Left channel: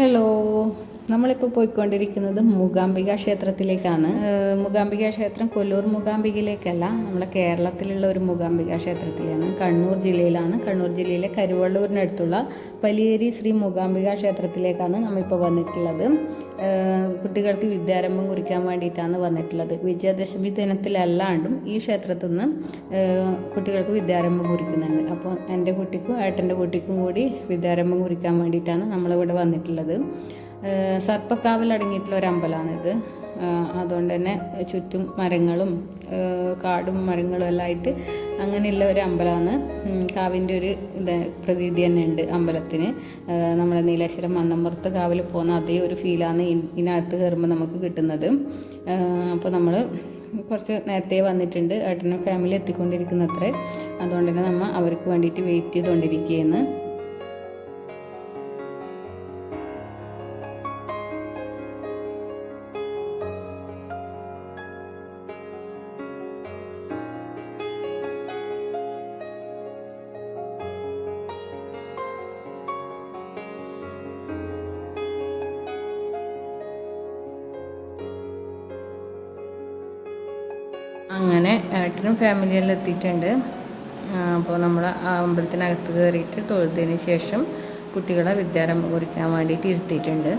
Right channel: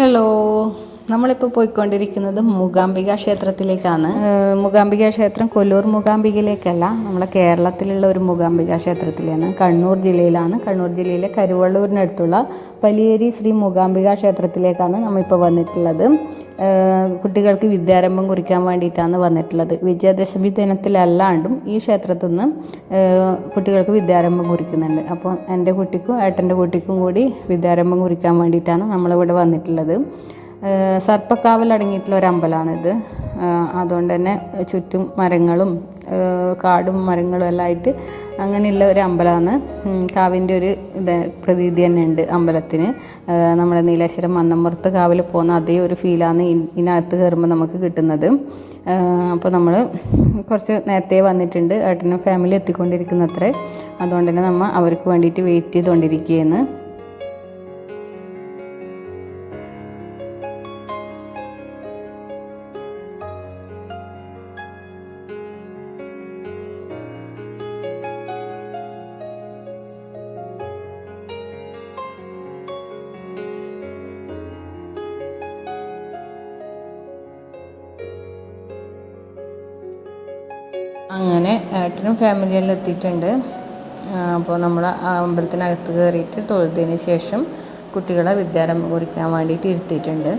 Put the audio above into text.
Hello, നമ്മളിപ്പോൾ പോയിക്കൊണ്ടിരിക്കുന്നത് മൂകാംബിക ക്ഷേത്രത്തിലേക്കാണ്. മൂകാംബിക ക്ഷേത്രം കൊല്ലൂർ മൂകാംബികയിലേക്കല്ല, നമ്മളെ കേരളത്തിലുള്ള ഒരു മൂകാംബിക ക്ഷേത്രത്തിലാണ്. കണ്ണൂർ ജില്ലയിലാണ്. കണ്ണൂർ ജില്ലയിലെ കരുവള്ളൂരിനടുത്തുള്ള പലിയേരി ശ്രീ മൂകാംബിക ക്ഷേത്രത്തിലേക്കാണ് നമ്മളിപ്പോൾ വന്നിട്ടുള്ളത്. കുട്ടികൾക്ക് വിദ്യാരംഭം കുറിക്കാൻ വേണ്ടിയിട്ടാണ് വന്നിട്ടുള്ളത്. വിജയദശമി ദിനത്തിലല്ലാണ്ടും ഈ ക്ഷേത്രത്തിൽ നിന്ന് കുട്ടികൾക്ക് വിദ്യാരംഭം കുറിക്കുന്നുണ്ട്. അപ്പോൾ എൻ്റെ കുട്ടിക്കും ഏട്ടൻ്റെ കുട്ടിക്കും കൂടി വിദ്യാരംഭം കുറിക്കാൻ വേണ്ടിയിട്ടാണ് നമ്മളിവിടെ വന്നിട്ടുള്ളത്. സർപ്പക്കാവിൽ അടങ്ങിയിട്ടുള്ള ഒരു അമ്പലമാണിത്. അതുകൊണ്ട് തന്നെ ചുറ്റും മരങ്ങളും കാടും മരങ്ങളും എല്ലാം ആയിട്ട് അങ്ങനെയുള്ള ഒരു അമ്പലമാണ്. കാവിൻ്റെ ഒരു പ്രതീതി തന്നെ ഉണ്ട് അമ്പലത്തിന്. നമ്മുടെ നീലേശ്വരം മന്നമ്പുറത്ത് കാവിൽ പോകുന്ന അതേ ഒരു ഫീലാണ് ഇതിനകത്ത് കയറുമ്പോൾ നമുക്ക് കിട്ടുന്നത്. അപ്പോൾ നമ്മൾ കുറച്ച് നേരത്തെ വന്നിട്ടുണ്ട്. ഏട്ടനും ഫാമിലി എത്തിക്കൊണ്ടിരിക്കുന്നത്രേ. അതുകൊണ്ട് തന്നെ നമ്മൾ അവർക്ക് വേണ്ടിയിട്ട് വെയിറ്റ് ചെയ്തുകൊണ്ടിരിക്കുകയാണ്. അങ്ങനെ ഏട്ടനും ഫാമിലിയെല്ലാം എത്തിയിട്ടുണ്ട്. അപ്പോൾ നമ്മൾ അമ്പലത്തിനകത്ത് കയറിയിട്ട് തൊഴുതിന് ശേഷം കുട്ടികളെ വിദ്യാരംഭം കുറിക്കാൻ വേണ്ടിയിട്ട് ഇരുത്തിയിട്ടുണ്ട്.